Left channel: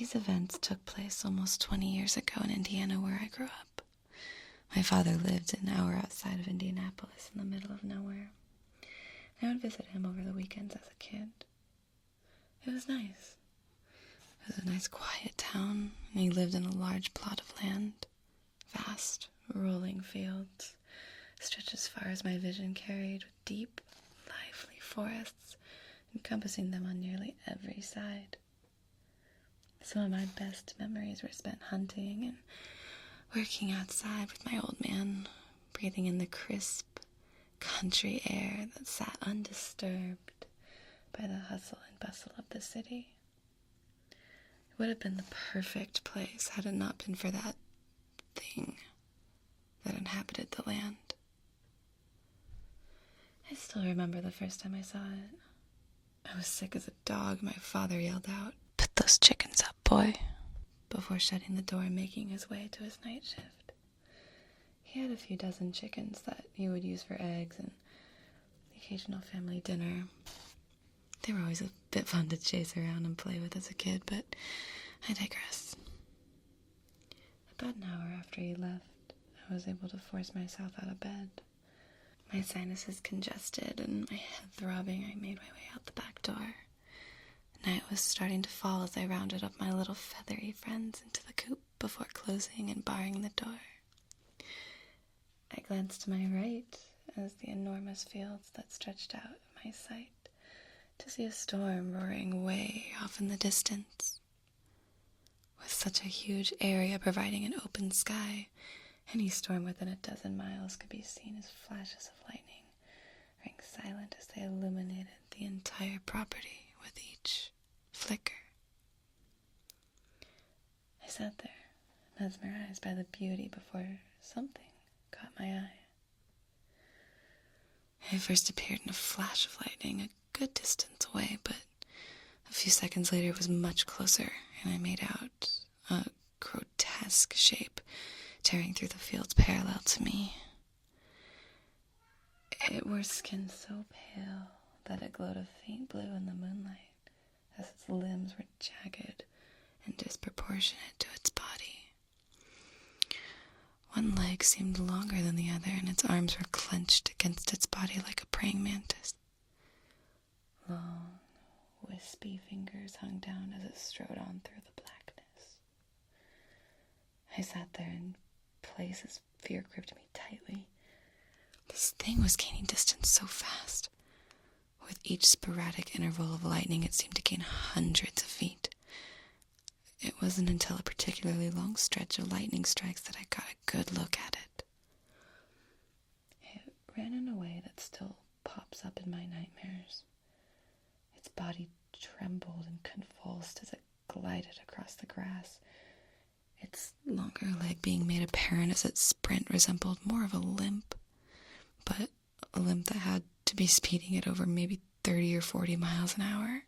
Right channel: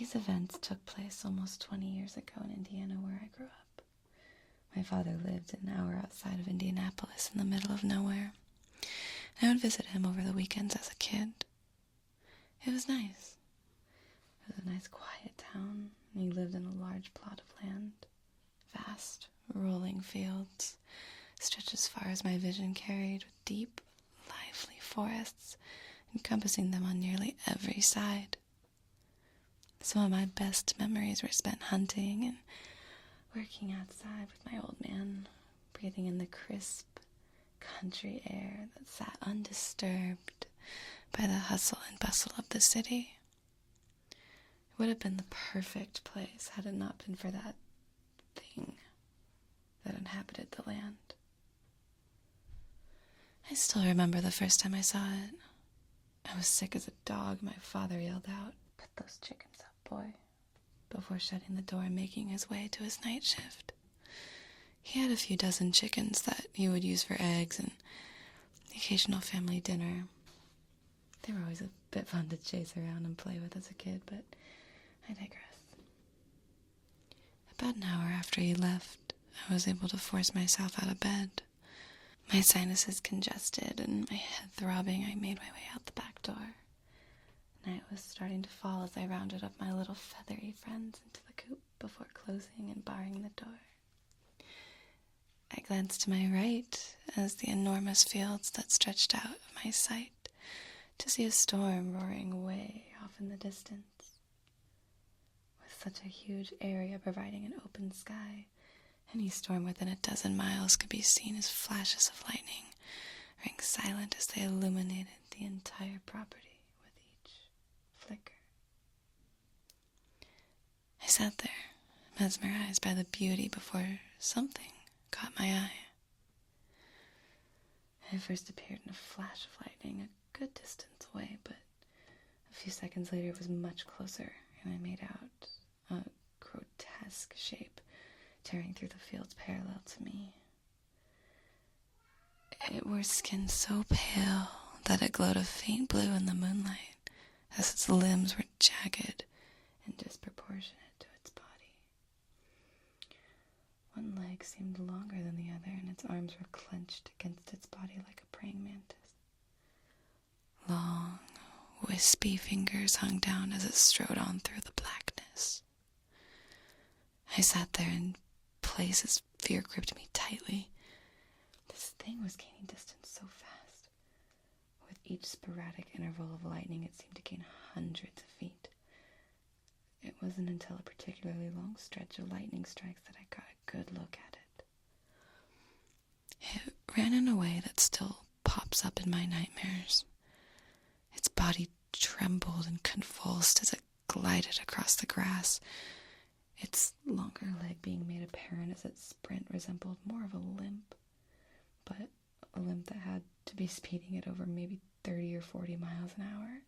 These events took place almost 20 years ago in Indiana, where I grew up. My father lived an hour outside of Indianapolis in the middle of nowhere. I would visit him over the weekends as a kid. It was nice. It was a nice, quiet town, and he lived in a large plot of land. Vast, rolling fields stretched as far as my vision carried, with deep, lively forests encompassing them on nearly every side. Some of my best memories were spent hunting and working outside with my old man, breathing in the crisp country air that sat undisturbed by the hustle and bustle of the city. It would have been the perfect place had it not been for that thing that inhabited the land. I still remember the first time I saw it. I was sick as a dog. My father yelled out, "Put those chickens up, boy," before shutting the door and making his way to his night shift. He had a few dozen chickens that he would use for eggs and the occasional family dinner. They were always a bit fun to chase around and play with as a kid, but I digress. About an hour after he left, I was able to force myself out of bed. My sinuses congested and my head throbbing, I made my way out the back door. Night was starting to fall as I rounded up my little feathery friends into the coop before closing and barring the door. I glanced to my right as the enormous fields that stretched out of my sight to see a storm roaring way off in the distance. With such a huge area providing an open sky, any storm within a dozen miles could be seen as flashes of lightning, ring silent as they illuminated the entire property with each flicker. I sat there, mesmerized by the beauty before something caught my eye. It first appeared in a flash of lightning a good distance away, but a few seconds later it was much closer, and I made out a grotesque shape tearing through the fields parallel to me. It wore skin so pale that it glowed a faint blue in the moonlight, as its limbs were jagged and disproportionate to its body. One leg seemed longer than the other, and its arms were clenched against its body like a praying mantis. Long, wispy fingers hung down as it strode on through the blackness. I sat there in place as fear gripped me tightly. This thing was gaining distance so fast. With each sporadic interval of lightning, it seemed to gain hundreds of feet. It wasn't until a particularly long stretch of lightning strikes that I got a good look at it. It ran in a way that still pops up in my nightmares. Its body trembled and convulsed as it glided across the grass. Its longer leg being made apparent as its sprint resembled more of a limp, but a limp that had to be speeding at over maybe 30 or 40 miles an hour.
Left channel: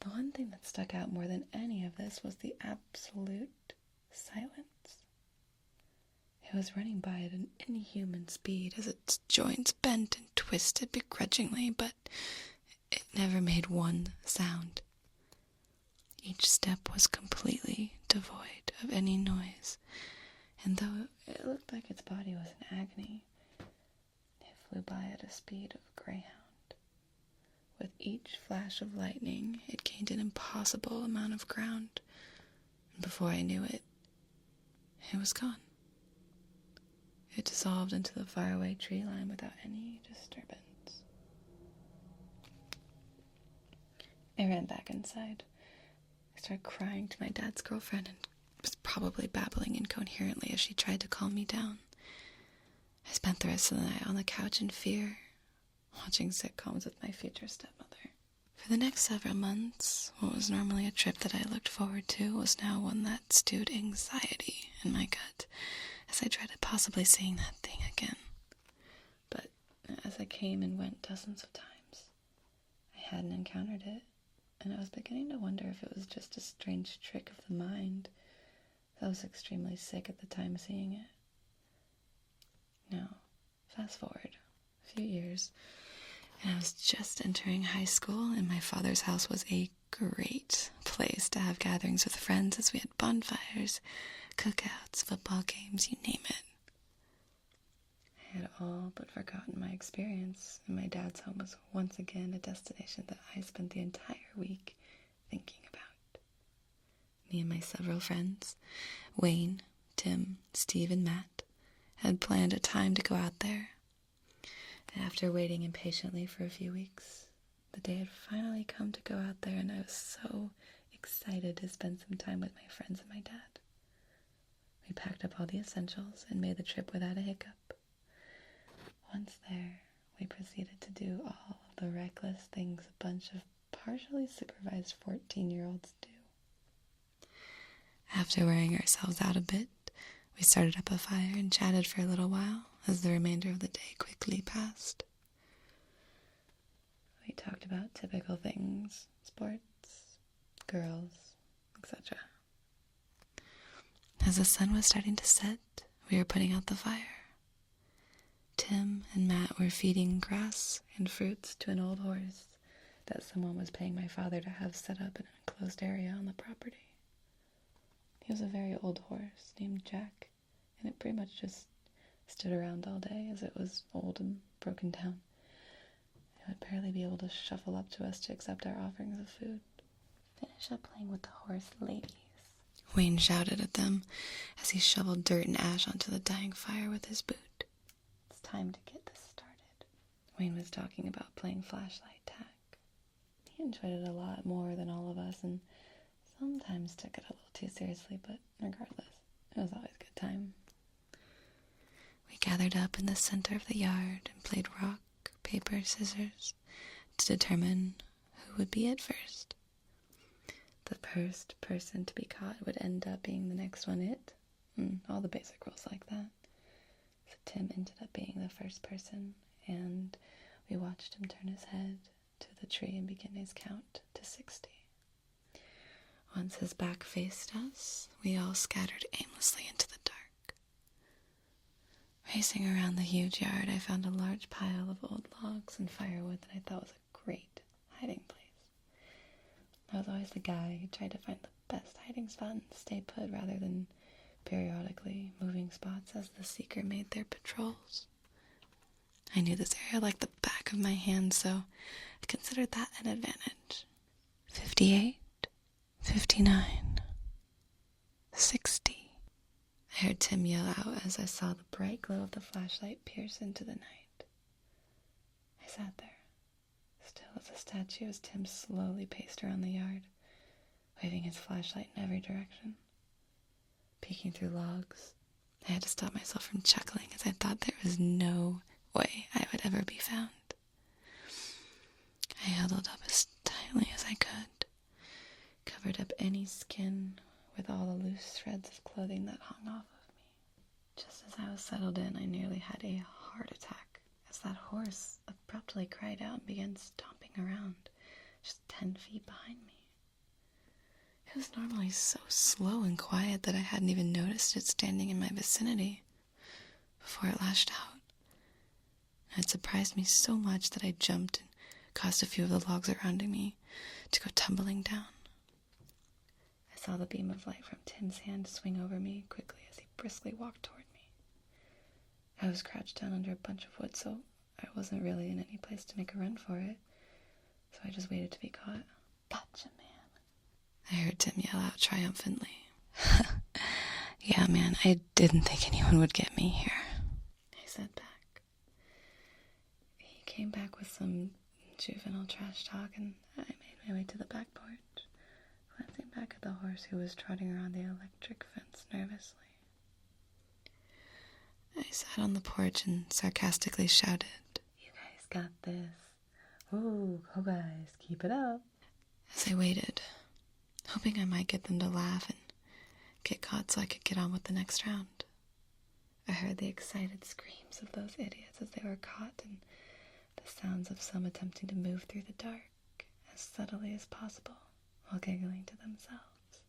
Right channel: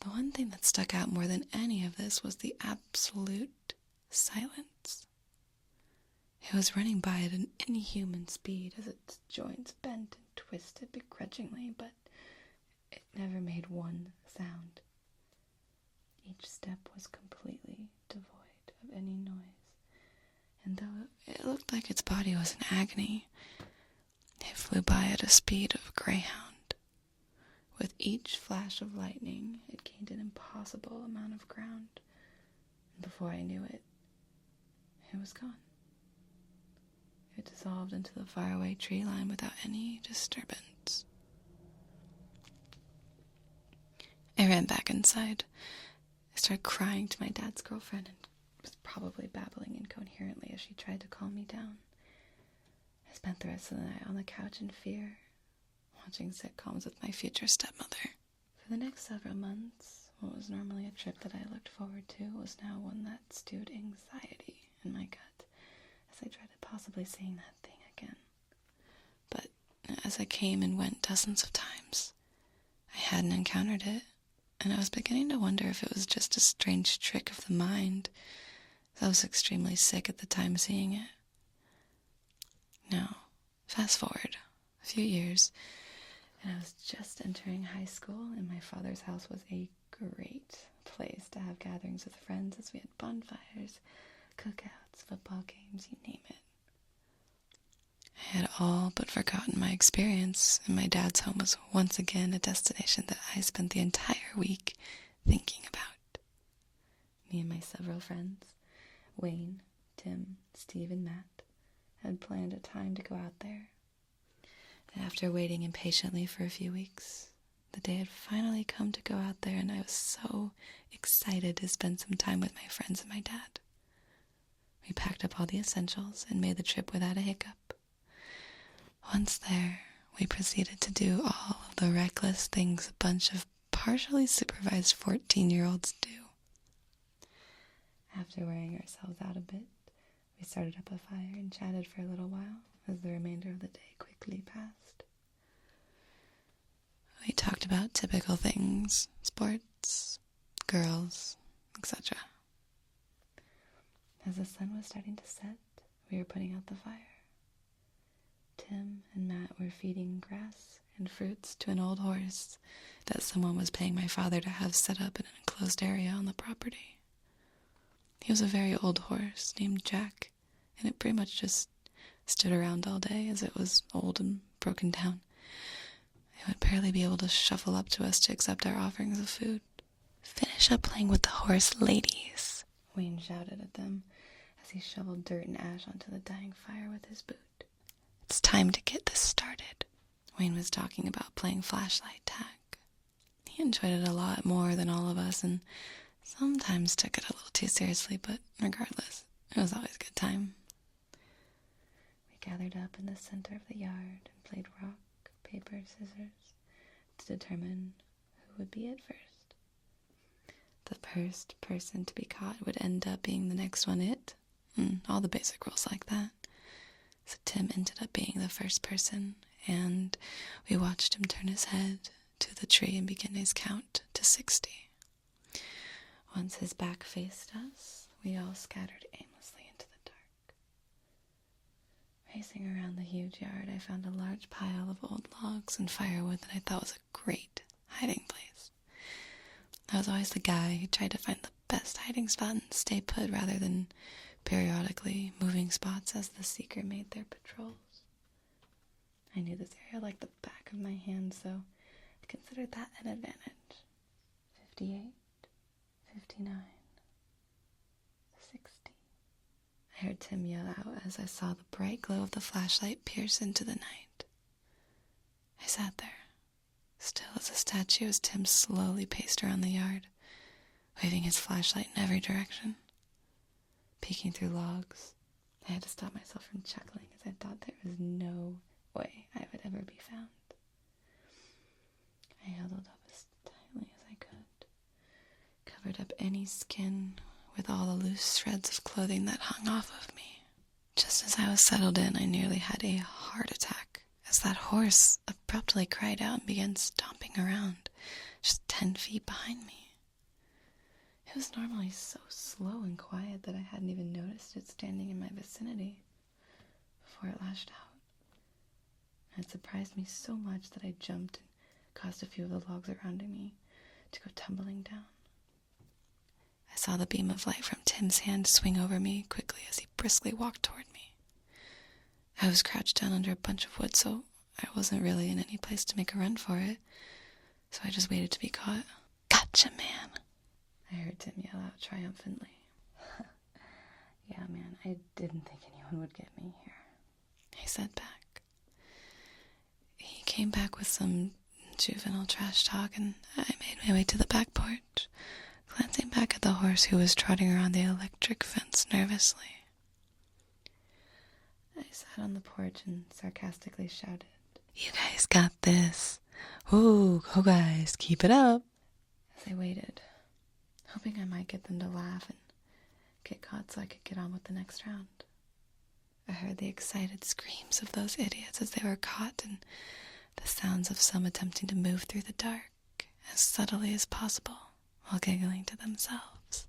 The one thing that stuck out more than any of this was the absolute silence. It was running by at an inhuman speed as its joints bent and twisted begrudgingly, but it never made one sound. Each step was completely devoid of any noise, and though it looked like its body was in agony, it flew by at a speed of a greyhound. With each flash of lightning, it gained an impossible amount of ground, and before I knew it, it was gone. It dissolved into the faraway tree line without any disturbance. I ran back inside. I started crying to my dad's girlfriend and was probably babbling incoherently as she tried to calm me down. I spent the rest of the night on the couch in fear, watching sitcoms with my future stepmother. For the next several months, what was normally a trip that I looked forward to was now one that stewed anxiety in my gut as I dreaded possibly seeing that thing again. But as I came and went dozens of times, I hadn't encountered it, and I was beginning to wonder if it was just a strange trick of the mind. I was extremely sick at the time seeing it. Now, fast forward a few years, and I was just entering high school, and my father's house was a great place to have gatherings with friends as we had bonfires, cookouts, football games, you name it. I had all but forgotten my experience, and my dad's home was once again a destination that I spent the entire week thinking about. Me and my several friends, Wayne, Tim, Steve, and Matt, had planned a time to go out there. And after waiting impatiently for a few weeks, the day had finally come to go out there, and I was so excited to spend some time with my friends and my dad. We packed up all the essentials and made the trip without a hiccup. Once there, we proceeded to do all of the reckless things a bunch of partially supervised 14-year-olds do. After wearing ourselves out a bit, we started up a fire and chatted for a little while as the remainder of the day quickly passed. We talked about typical things, sports, girls, etc. As the sun was starting to set, we were putting out the fire. Tim and Matt were feeding grass and fruits to an old horse that someone was paying my father to have set up in an enclosed area on the property. He was a very old horse named Jack, and it pretty much just stood around all day as it was old and broken down. It would barely be able to shuffle up to us to accept our offerings of food. "Finish up playing with the horse, ladies," Wayne shouted at them as he shoveled dirt and ash onto the dying fire with his boot. "It's time to get this started." Wayne was talking about playing flashlight tag. He enjoyed it a lot more than all of us and sometimes took it a little too seriously, but regardless, it was always a good time. We gathered up in the center of the yard and played rock, paper, scissors to determine who would be it first. The first person to be caught would end up being the next one it, and all the basic rules like that. So Tim ended up being the first person, and we watched him turn his head to the tree and begin his count to 60. Once his back faced us, we all scattered aimlessly into the dark. Racing around the huge yard, I found a large pile of old logs and firewood that I thought was a great hiding place. I was always the guy who tried to find the best hiding spot and stay put rather than periodically moving spots as the seeker made their patrols. I knew this area like the back of my hand, so I considered that an advantage. 58, 59, 60. I heard Tim yell out as I saw the bright glow of the flashlight pierce into the night. I sat there, still as a statue, as Tim slowly paced around the yard, waving his flashlight in every direction. Peeking through logs, I had to stop myself from chuckling as I thought there was no way I would ever be found. I huddled up as tightly as I could, covered up any skin with all the loose shreds of clothing that hung off of me. Just as I was settled in, I nearly had a heart attack as that horse abruptly cried out and began stomping around just 10 feet behind me. It was normally so slow and quiet that I hadn't even noticed it standing in my vicinity before it lashed out. It surprised me so much that I jumped and caused a few of the logs surrounding me to go tumbling down. I saw the beam of light from Tim's hand swing over me quickly as he briskly walked toward me. I was crouched down under a bunch of wood, so I wasn't really in any place to make a run for it, so I just waited to be caught. "Gotcha, man," I heard Tim yell out triumphantly. "Yeah, man, I didn't think anyone would get me here," he said back. He came back with some juvenile trash talk, and I made my way to the back porch, glancing back at the horse who was trotting around the electric fence nervously. I sat on the porch and sarcastically shouted, "You guys got this. Ooh, go guys, keep it up," as I waited, hoping I might get them to laugh and get caught so I could get on with the next round. I heard the excited screams of those idiots as they were caught and the sounds of some attempting to move through the dark as subtly as possible while giggling to themselves.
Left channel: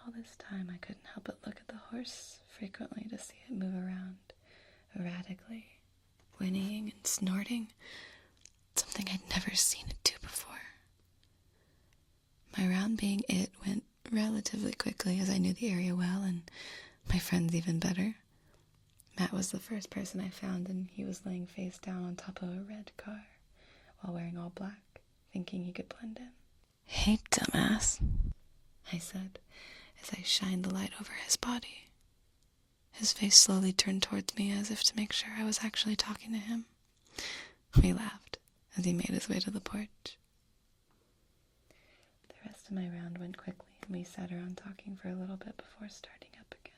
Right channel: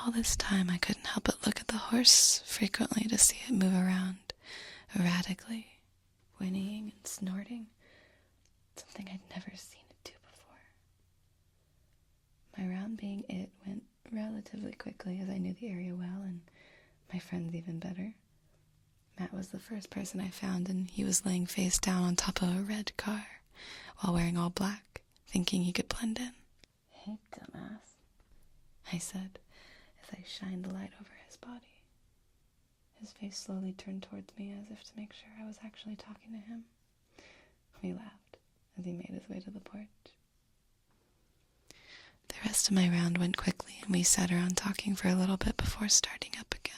All this time I couldn't help but look at the horse frequently to see it move around erratically, whinnying and snorting, something I'd never seen it do before. My round being it went relatively quickly as I knew the area well and my friends even better. Matt was the first person I found, and he was laying face down on top of a red car while wearing all black, thinking he could blend in. "Hey, dumbass," I said as I shined the light over his body. His face slowly turned towards me as if to make sure I was actually talking to him. We laughed as he made his way to the porch. The rest of my round went quickly, and we sat around talking for a little bit before starting up again.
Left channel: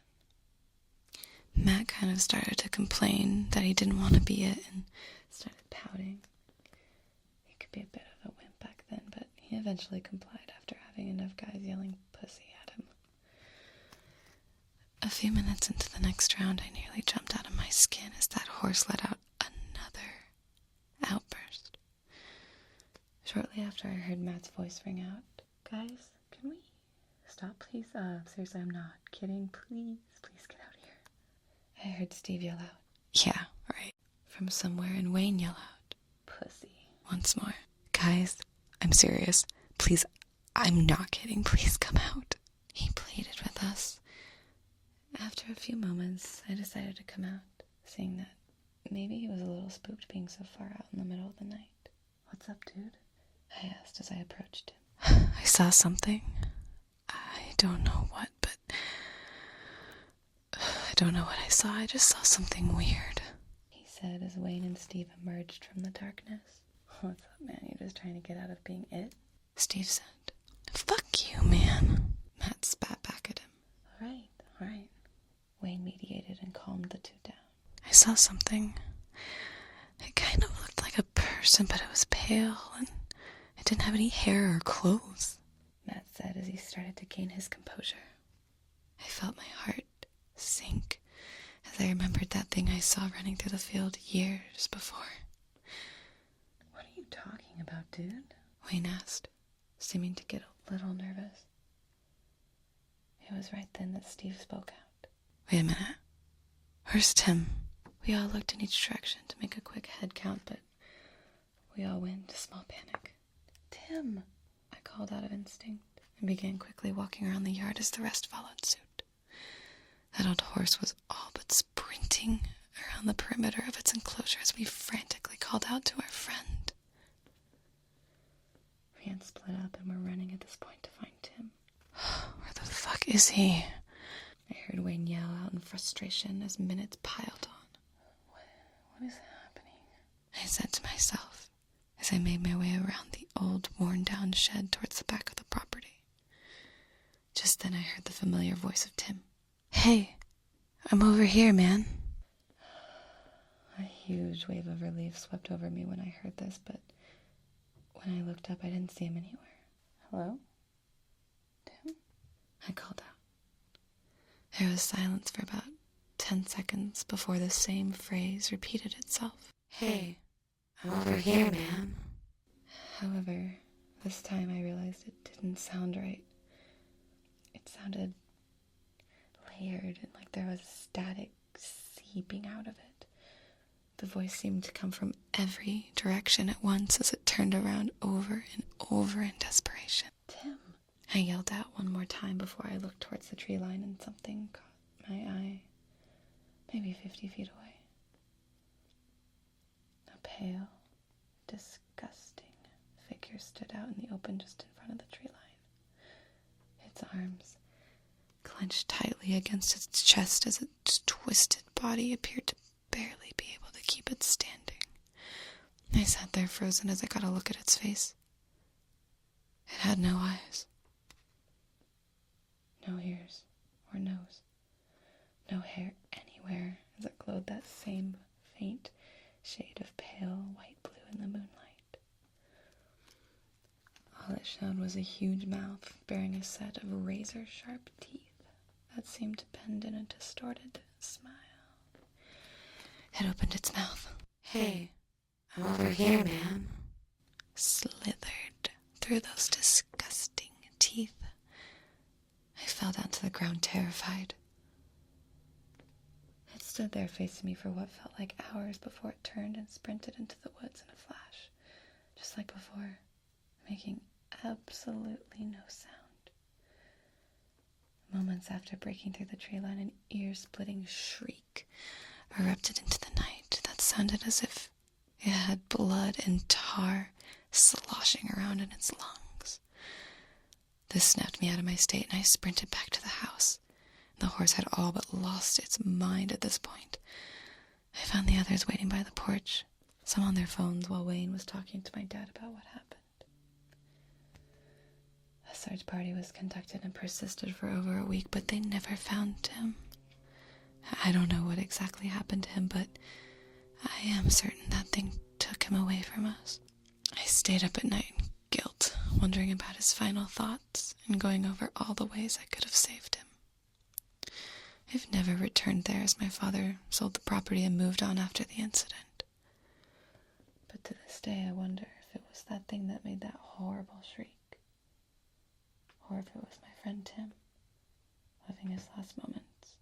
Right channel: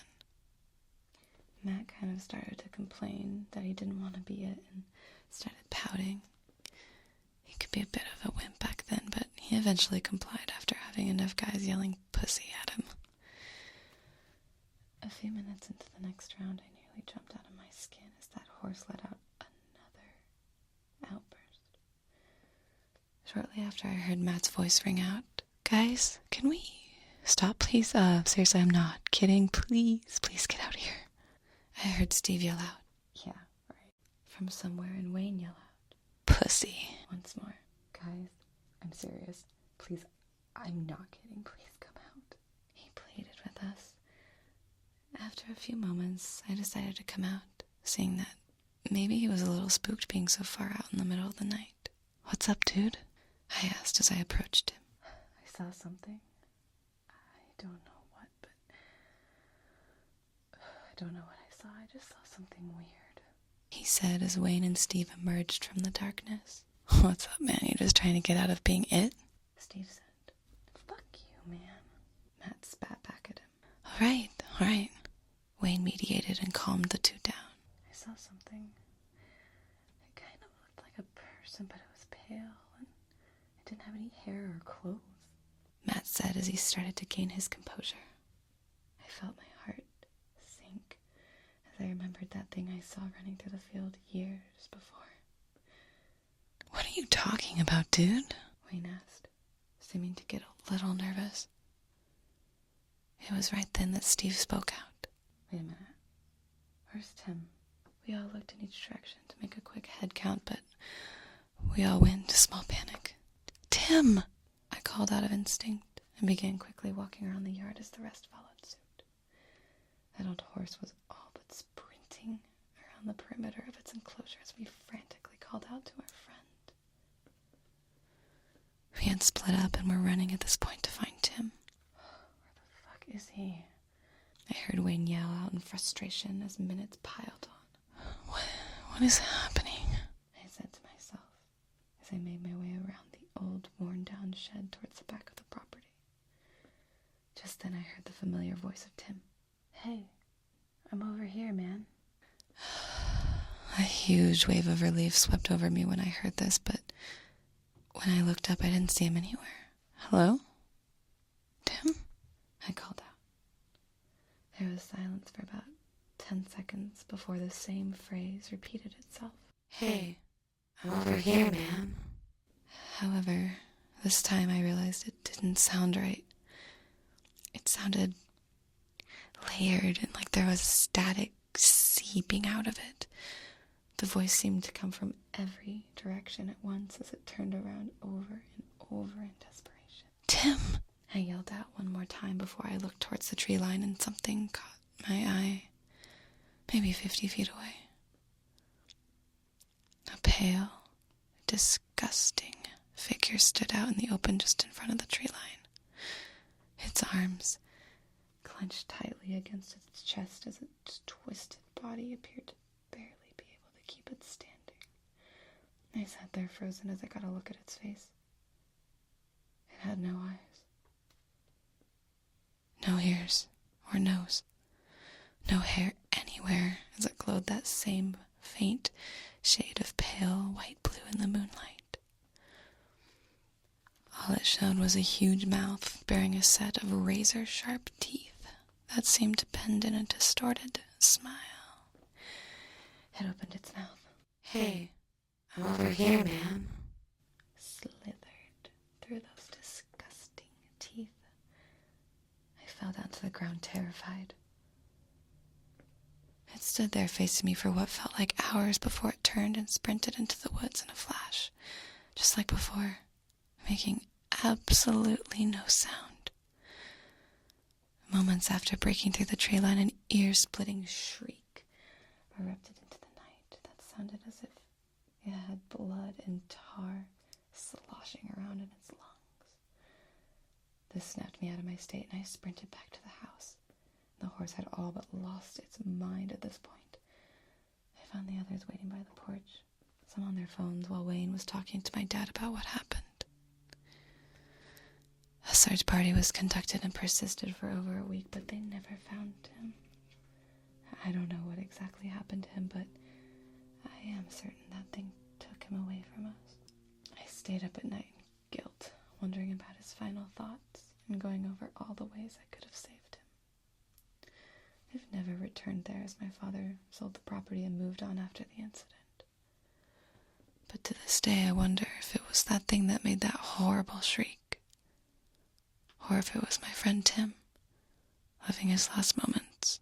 Matt kind of started to complain that he didn't want to be it and started pouting. He could be a bit of a wimp back then, but he eventually complied after having enough guys yelling pussy at him. A few minutes into the next round, I nearly jumped out of my skin as that horse let out another outburst. Shortly after, I heard Matt's voice ring out. "Guys, can we stop, please? Seriously, I'm not kidding. Please get out here." I heard Steve yell out, "Yeah, right," from somewhere, and Wayne yell out, "Pussy," once more. "Guys, I'm serious. Please, I'm not kidding. Please come out." He pleaded with us. After a few moments, I decided to come out, seeing that maybe he was a little spooked being so far out in the middle of the night. "What's up, dude?" I asked as I approached him. "I saw something. I don't know what, but I don't know what I saw. I just saw something weird," he said as Wayne and Steve emerged from the darkness. "What's up, man? You just trying to get out of being it?" Steve said. "Fuck you, man." Matt spat back at him. All right. Wayne mediated and calmed the two down. "I saw something. It kind of looked like a person, but it was pale, and it didn't have any hair or clothes," Matt said as he started to gain his composure. I felt my heart sink as I remembered that thing I saw running through the field years before. "What are you talking about, dude?" Wayne asked, seeming to get a little nervous. It was right then that Steve spoke out. "Wait a minute. Where's Tim?" We all looked in each direction to make a quick head count, but we all went into small panic. "Tim!" I called out of instinct and began quickly walking around the yard as the rest followed suit. That old horse was all but sprinting around the perimeter of its enclosure as we frantically called out to our friend. We had split up and were running at this point to find Tim. "Where the fuck is he?" I heard Wayne yell out in frustration as minutes piled on. What is happening?" I said to myself as I made my way around the old, worn-down shed towards the back of the property. Just then I heard the familiar voice of Tim. "Hey, I'm over here, man." A huge wave of relief swept over me when I heard this, but when I looked up, I didn't see him anywhere. "Hello? Tim?" I called out. There was silence for about 10 seconds before the same phrase repeated itself. "Hey, I'm over here, man." However, this time I realized it didn't sound right. It sounded layered and like there was static seeping out of it. The voice seemed to come from every direction at once as it turned around over and over in desperation. "Tim!" I yelled out one more time before I looked towards the tree line, and something caught my eye, maybe 50 feet away. A pale, disgusting figure stood out in the open just in front of the tree line. Its arms clenched tightly against its chest as its twisted body appeared to barely be able to keep it standing. I sat there frozen as I got a look at its face. It had no eyes, no ears or nose, no hair anywhere as it glowed that same faint shade of pale white blue in the moonlight. All it showed was a huge mouth bearing a set of razor-sharp teeth that seemed to bend in a distorted smile. It opened its mouth. "Hey, I'm over here, man." Slithered through those disgusting teeth. I fell down to the ground terrified. It stood there facing me for what felt like hours before it turned and sprinted into the woods in a flash, just like before, making absolutely no sound. Moments after breaking through the tree line, an ear-splitting shriek erupted into the night that sounded as if it had blood and tar sloshing around in its lungs. This snapped me out of my state, and I sprinted back to the house. The horse had all but lost its mind at this point. I found the others waiting by the porch, some on their phones while Wayne was talking to my dad about what happened. A search party was conducted and persisted for over a week, but they never found Tim. I don't know what exactly happened to him, but I am certain that thing took him away from us. I stayed up at night in guilt, wondering about his final thoughts and going over all the ways I could have saved him. I've never returned there, as my father sold the property and moved on after the incident. But to this day I wonder if it was that thing that made that horrible shriek, or if it was my friend Tim, living his last moments